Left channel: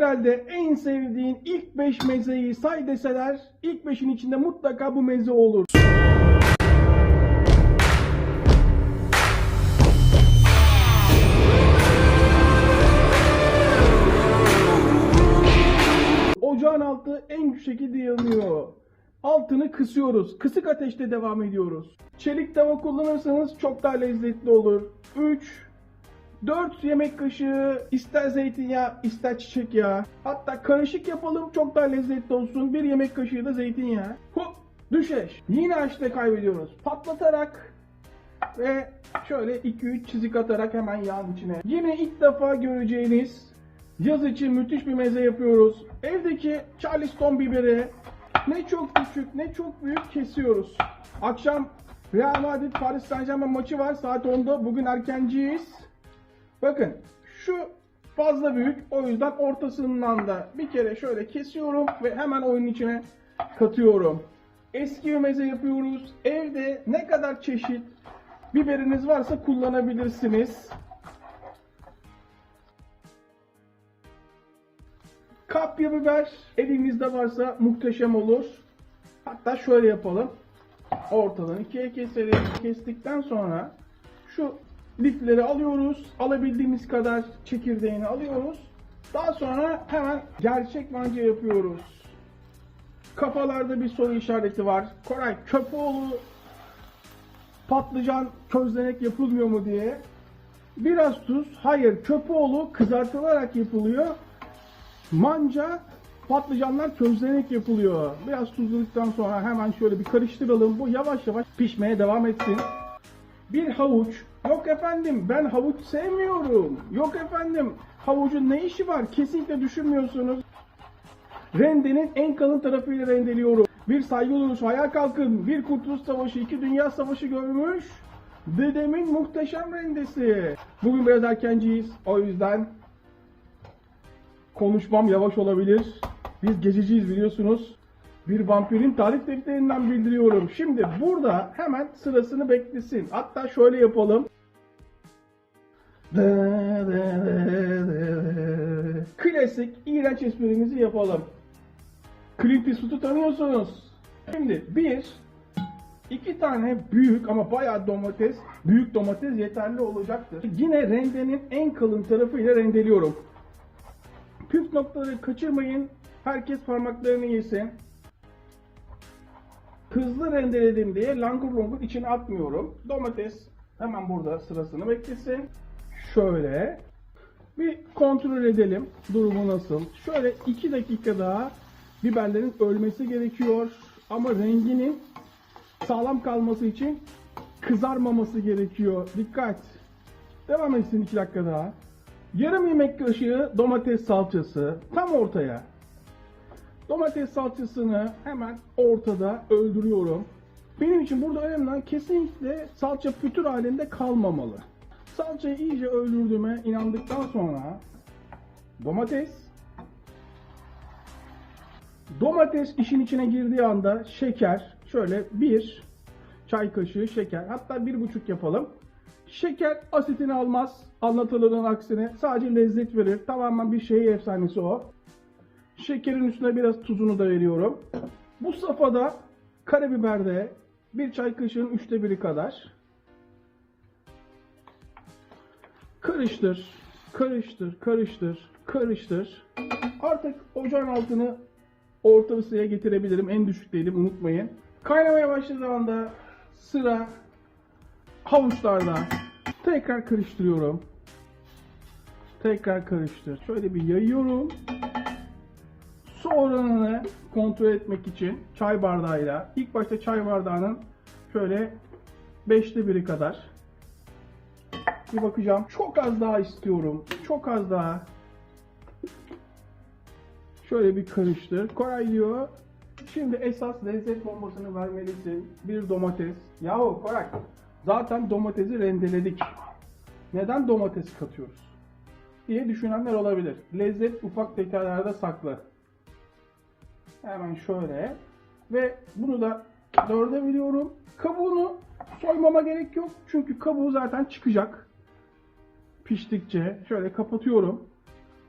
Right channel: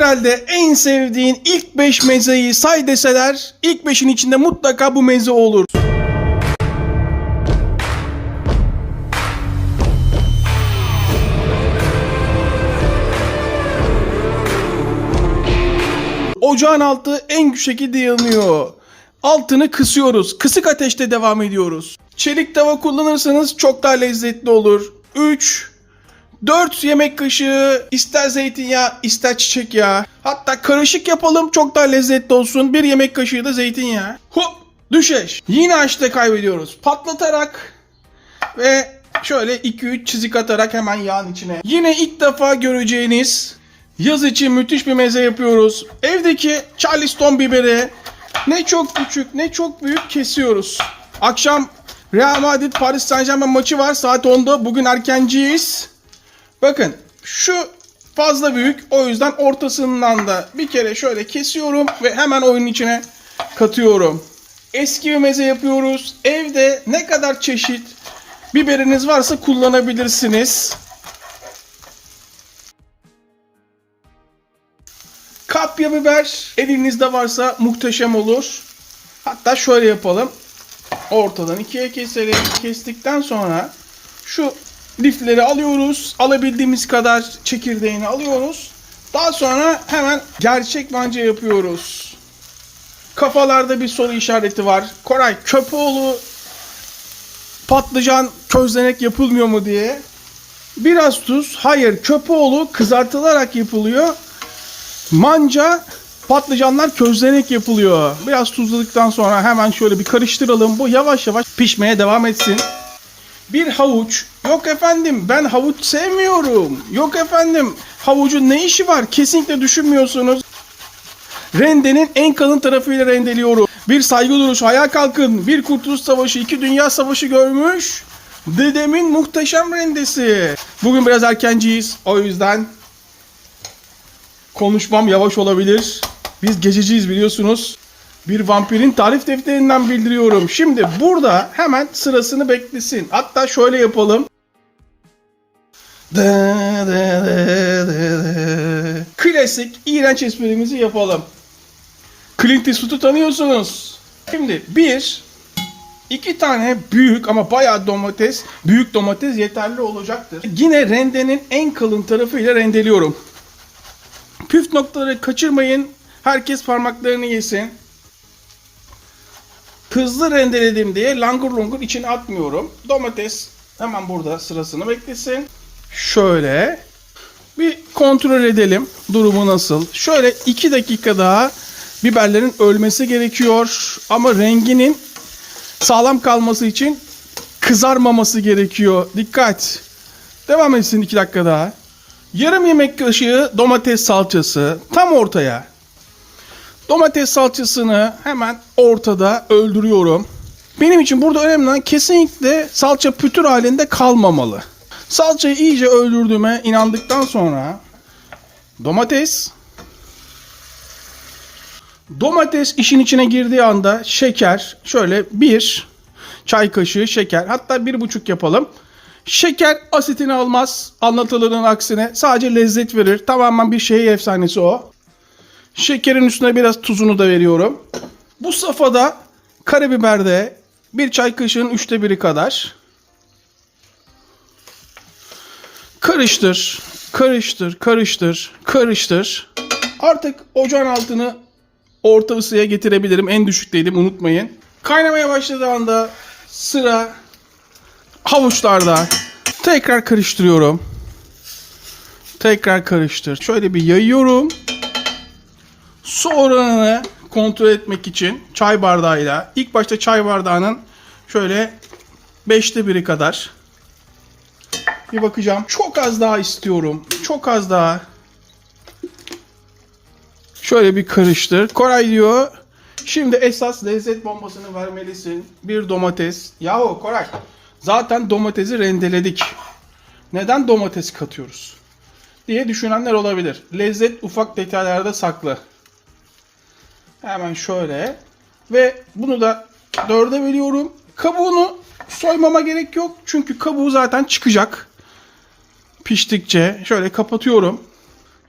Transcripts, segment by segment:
herhalde en sevdiğin ilk 5 mezeyi say deseler ilk 5'in içinde mutlaka bu meze olur. Ocağın altı en şekilde yanıyor. Altını kısıyoruz. Kısık ateşte devam ediyoruz. Çelik tava kullanırsanız çok daha lezzetli olur. 3 4 yemek kaşığı ister zeytinyağı ister çiçek yağı. Hatta karışık yapalım çok daha lezzetli olsun. Bir yemek kaşığı da zeytinyağı. Hop düşeş. Yine açta kaybediyoruz. Patlatarak ve şöyle 2-3 çizik atarak hemen yağın içine. Yine ilk defa göreceğiniz yaz için müthiş bir meze yapıyoruz. Evdeki Charleston biberi ne çok küçük ne çok büyük kesiyoruz. Akşam Real Madrid Paris Saint Germain maçı var saat 10'da. Bugün erkenciyiz. Bakın şu fazla büyük o yüzden ortasından da bir kere şöyle kesiyorum ve hemen oyunun içine katıyorum. Eski bir meze yapıyoruz. Evde ne kadar çeşit biberiniz varsa kullanabilirsiniz. Kapya biber elinizde varsa muhteşem olur. Hatta şöyle yapalım. Ortadan ikiye keselim. Kestikten sonra şu lifleri alıyoruz. Alabildiğimiz kadar çekirdeğini alıyoruz. Daha sonra hemen gerçek manca yapıyoruz. Kafalarda bir soru işareti var. Koray Köpoğlu patlıcan közlenek yapılmıyor mu diye. Biraz tuz. Hayır Köpoğlu kızartılarak yapılıyor. Manca patlıcanlar közlenerek yapılıyor. Biraz tuzladıktan sonra hemen şöyle bir karıştıralım. Bu yavaş yavaş pişmeye devam etsin. Bir havuç. Yok efendim ben havuç sevmiyorum. Yok efendim havucun ne işi var? Kesinlikle düşünmüyorsunuz. Rendenin en kalın tarafıyla rendeliyorum. Bir saygı duruşu ayağa kalkın. Bir kurtuluş savaşı, iki dünya savaşı görmüş. Dedemin muhteşem rendesi. Bugün biraz erkenciyiz. O yüzden konuşmam yavaş olabilir. Biz gececiyiz biliyorsunuz. Bir vampirin tarif defterinden bildiriyorum. Şimdi burada hemen sırasını beklesin. Hatta şöyle yapalım. Klasik iğrenç esprimizi yapalım. Clint Eastwood'u tanıyorsunuz. Şimdi bir, iki tane büyük ama bayağı domates, büyük domates yeterli olacaktır. Yine rendenin en kalın tarafıyla rendeliyorum. Püf noktaları kaçırmayın. Herkes parmaklarını yesin. Hızlı rendeledim diye langur lungur içine atmıyorum. Domates hemen burada sırasını beklesin. Şöyle bir kontrol edelim durumu nasıl. Şöyle 2 dakika daha biberlerin ölmesi gerekiyor. Ama renginin sağlam kalması için kızarmaması gerekiyor. Dikkat. Devam etsin 2 dakika daha. Yarım yemek kaşığı domates salçası tam ortaya. Domates salçasını hemen ortada öldürüyorum. Benim için burada önemli olan kesinlikle salça pütür halinde kalmamalı. Salçayı iyice öldürdüğüme inandıktan sonra domates domates işin içine girdiği anda şeker şöyle bir çay kaşığı şeker hatta bir buçuk yapalım. Şeker asitini almaz anlatılının aksine sadece lezzet verir. Tamamen bir şehir efsanesi o. Şekerin üstüne biraz tuzunu da veriyorum. Bu safhada karabiberde bir çay kaşığının üçte biri kadar. Karıştır, karıştır, karıştır, karıştır. Artık ocağın altını orta ısıya getirebilirim. En düşükteydim unutmayın. Kaynamaya başladığı anda sıra havuçlarda. Tekrar karıştırıyorum. Tekrar karıştır. Şöyle bir yayıyorum. Su oranını kontrol etmek için çay bardağıyla ilk başta çay bardağının şöyle beşte biri kadar bir bakacağım. Çok az daha istiyorum. Çok az daha. Şöyle bir karıştır. Koray diyor. Şimdi esas lezzet bombasını vermelisin. Bir domates. Yahu Koray. Zaten domatesi rendeledik. Neden domates katıyoruz? Diye düşünenler olabilir. Lezzet ufak detaylarda saklı. Hemen şöyle. Ve bunu da dörde veriyorum. Kabuğunu soymama gerek yok. Çünkü kabuğu zaten çıkacak. Piştikçe şöyle kapatıyorum.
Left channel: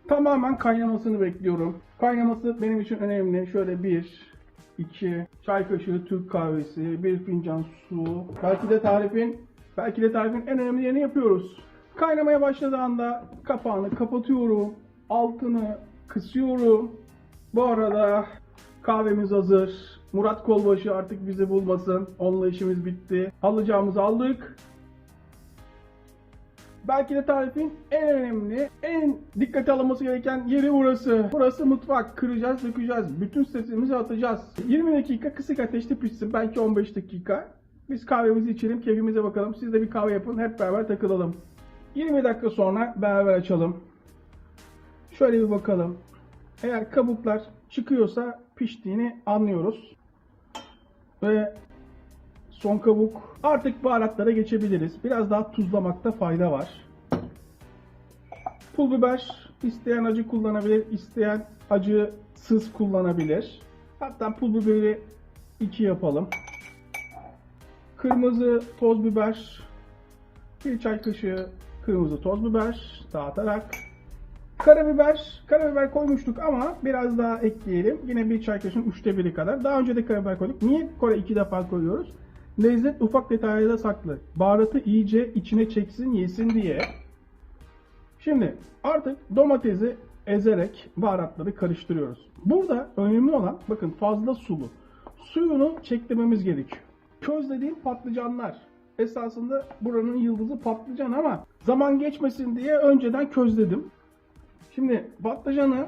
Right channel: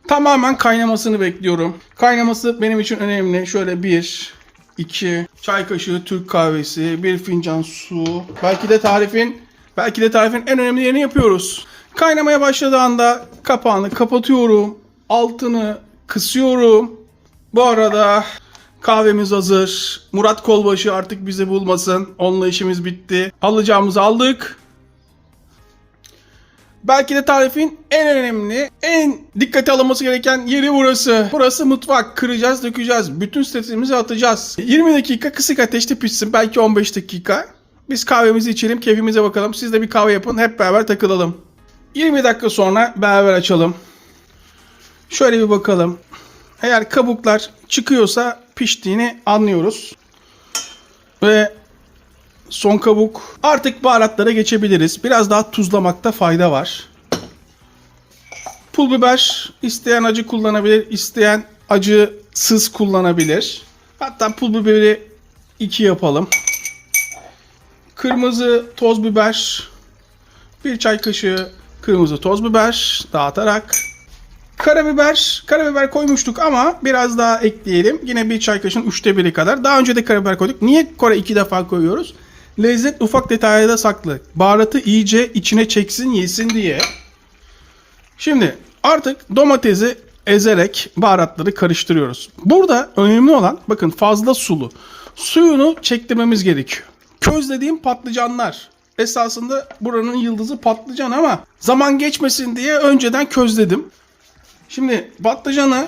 Tamamen kaynamasını bekliyorum. Kaynaması benim için önemli. Şöyle bir, iki çay kaşığı Türk kahvesi, bir fincan su. Belki de tarifin belki de tarifin en önemli yerini yapıyoruz. Kaynamaya başladığı anda kapağını kapatıyorum. Altını kısıyorum. Bu arada kahvemiz hazır. Murat Kolbaşı artık bizi bulmasın. Onunla işimiz bitti. Alacağımızı aldık. Belki de tarifin en önemli, en dikkate alınması gereken yeri burası. Burası mutfak. Kıracağız, dökeceğiz. Bütün stresimizi atacağız. 20 dakika kısık ateşte pişsin. Belki 15 dakika. Biz kahvemizi içelim, keyfimize bakalım. Siz de bir kahve yapın, hep beraber takılalım. 20 dakika sonra beraber açalım. Şöyle bir bakalım. Eğer kabuklar çıkıyorsa piştiğini anlıyoruz. Ve son kabuk. Artık baharatlara geçebiliriz. Biraz daha tuzlamakta fayda var. Pul biber isteyen acı kullanabilir, isteyen acısız kullanabilir. Hatta pul biberi 2 yapalım. Kırmızı toz biber, bir çay kaşığı kırmızı toz biber dağıtarak Karabiber, karabiber koymuştuk ama biraz daha ekleyelim. Yine bir çay kaşığının üçte biri kadar. Daha önce de karabiber koyduk. Niye kore iki defa koyuyoruz? Lezzet ufak detaylarda saklı. Baharatı iyice içine çeksin, yesin diye. Şimdi artık domatesi ezerek baharatları karıştırıyoruz. Burada önemli olan bakın fazla sulu. Suyunu çektirmemiz gerekiyor. Közlediğim patlıcanlar. Esasında buranın yıldızı patlıcan ama zaman geçmesin diye önceden közledim. Şimdi patlıcanı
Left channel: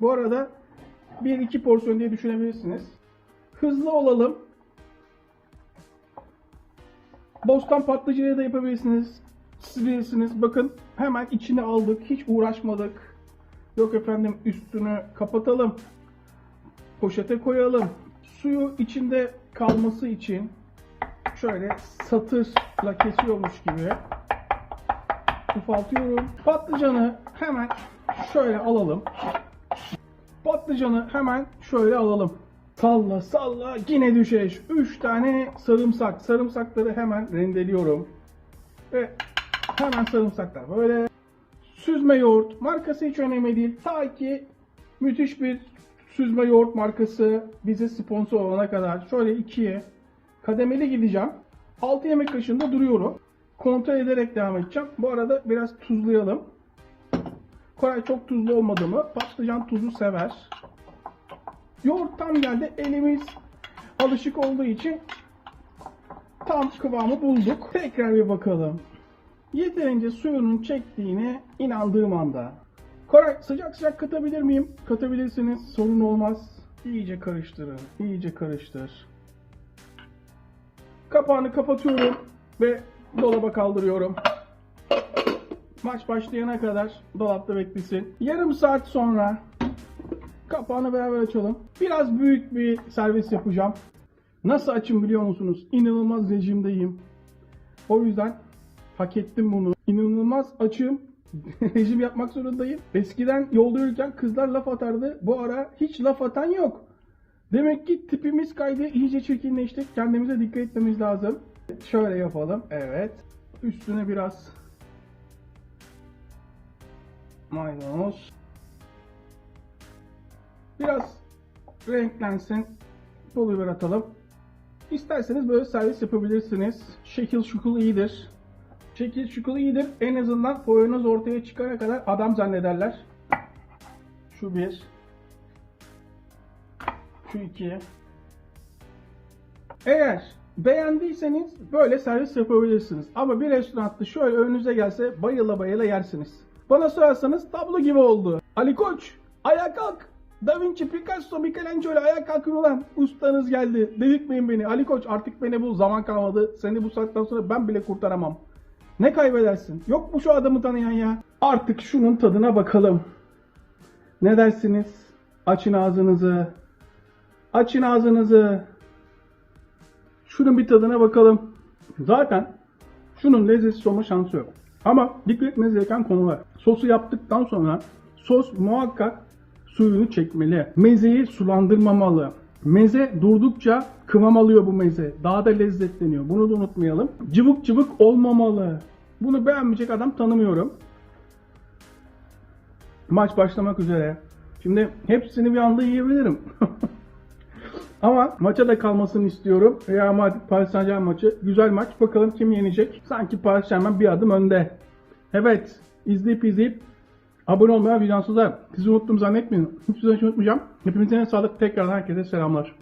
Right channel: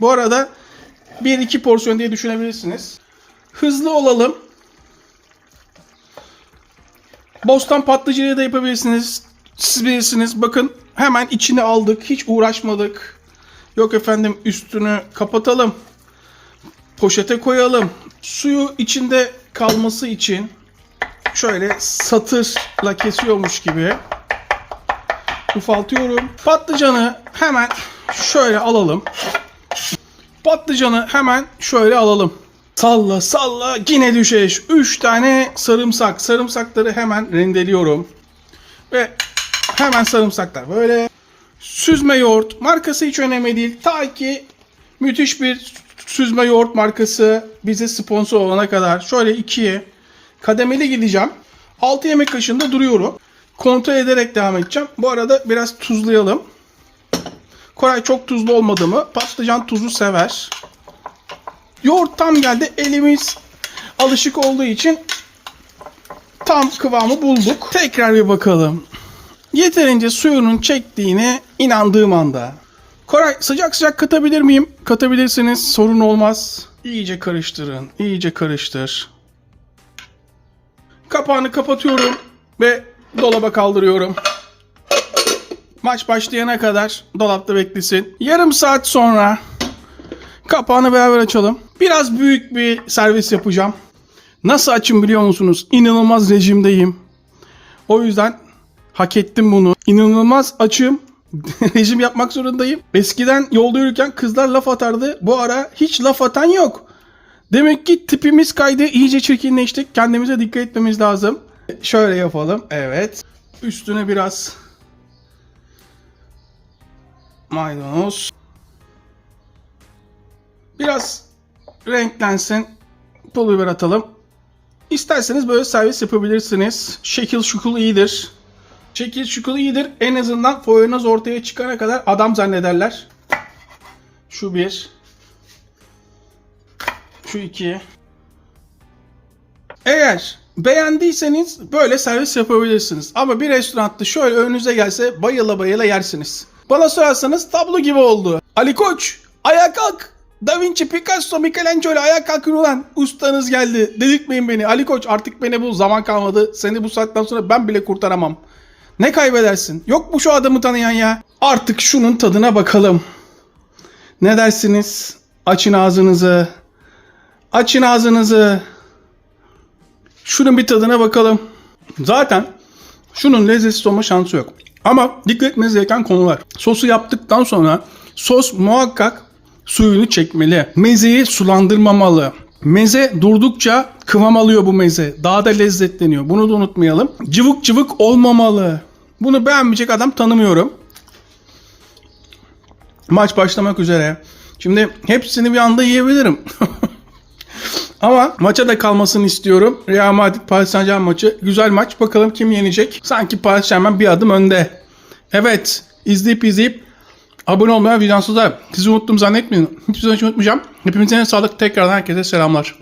bu arada 1-2 porsiyon diye düşünebilirsiniz. Hızlı olalım. Bostan patlıcanı da yapabilirsiniz. Siz bilirsiniz. Bakın hemen içine aldık. Hiç uğraşmadık. Yok efendim üstünü kapatalım. Poşete koyalım. Suyu içinde kalması için şöyle satırla kesiyormuş gibi ufaltıyorum. Patlıcanı hemen şöyle alalım. Patlıcanı hemen şöyle alalım. Salla salla yine düşeş. 3 tane sarımsak. Sarımsakları hemen rendeliyorum. Ve hemen sarımsaklar böyle. Süzme yoğurt. Markası hiç önemli değil. Ta ki müthiş bir süzme yoğurt markası bize sponsor olana kadar. Şöyle ikiye kademeli gideceğim. 6 yemek kaşığında duruyorum. Kontrol ederek devam edeceğim. Bu arada biraz tuzlayalım. Koray çok tuzlu olmadı mı? Patlıcan tuzu sever. Yoğurt tam geldi. Elimiz alışık olduğu için tam kıvamı bulduk. Tekrar bir bakalım. Yeterince suyunun çektiğine inandığım anda. Koray sıcak sıcak katabilir miyim? Katabilirsiniz. Sorun olmaz. İyice karıştırın. İyice karıştır. Kapağını kapatıyorum ve dolaba kaldırıyorum. Maç başlayana kadar dolapta beklesin. Yarım saat sonra kapağını beraber açalım. Biraz büyük bir servis yapacağım. Nasıl açım biliyor musunuz? İnanılmaz rejimdeyim. O yüzden hak ettim bunu. İnanılmaz açım. Rejim yapmak zorundayım. Eskiden yolda yürürken kızlar laf atardı. Bu ara hiç laf atan yok. Demek ki tipimiz kaydı. iyice çirkinleştik. Kendimize dikkat etmemiz lazım. Şöyle yapalım. Evet. Üstüne biraz maydanoz. Biraz renklensin. Pul biber atalım. İsterseniz böyle servis yapabilirsiniz. Şekil şukul iyidir. Şekil şukul iyidir. En azından foyunuz ortaya çıkana kadar adam zannederler. Şu bir. Şu iki. Eğer beğendiyseniz böyle servis yapabilirsiniz. Ama bir restoranda şöyle önünüze gelse bayıla bayıla yersiniz. Bana sorarsanız tablo gibi oldu. Ali Koç ayağa kalk. Da Vinci, Picasso, Michelangelo ayağa kalkın ulan. Ustanız geldi. Dedirtmeyin beni. Ali Koç artık beni bu zaman kalmadı. Seni bu saatten sonra ben bile kurtaramam. Ne kaybedersin? Yok mu şu adamı tanıyan ya? Artık şunun tadına bakalım. Ne dersiniz? Açın ağzınızı. Açın ağzınızı. Şunun bir tadına bakalım. Zaten şunun lezzetsiz olma şansı yok. Ama dikkat etmeniz gereken konular. Sosu yaptıktan sonra sos muhakkak suyunu çekmeli. Mezeyi sulandırmamalı. Meze durdukça kıvam alıyor bu meze. Daha da lezzetleniyor. Bunu da unutmayalım. Cıvık cıvık olmamalı. Bunu beğenmeyecek adam tanımıyorum. Maç başlamak üzere. Şimdi hepsini bir anda yiyebilirim. Ama maça da kalmasını istiyorum. Real Madrid Paris Saint Germain maçı. Güzel maç. Bakalım kim yenecek? Sanki Paris Saint Germain bir adım önde. Evet. izleyip izleyip abone olmaya, videosu da sizi unuttum zannetmeyin. Hiçbir zaman hiç unutmayacağım. Hepinize sağlık. Tekrardan herkese selamlar.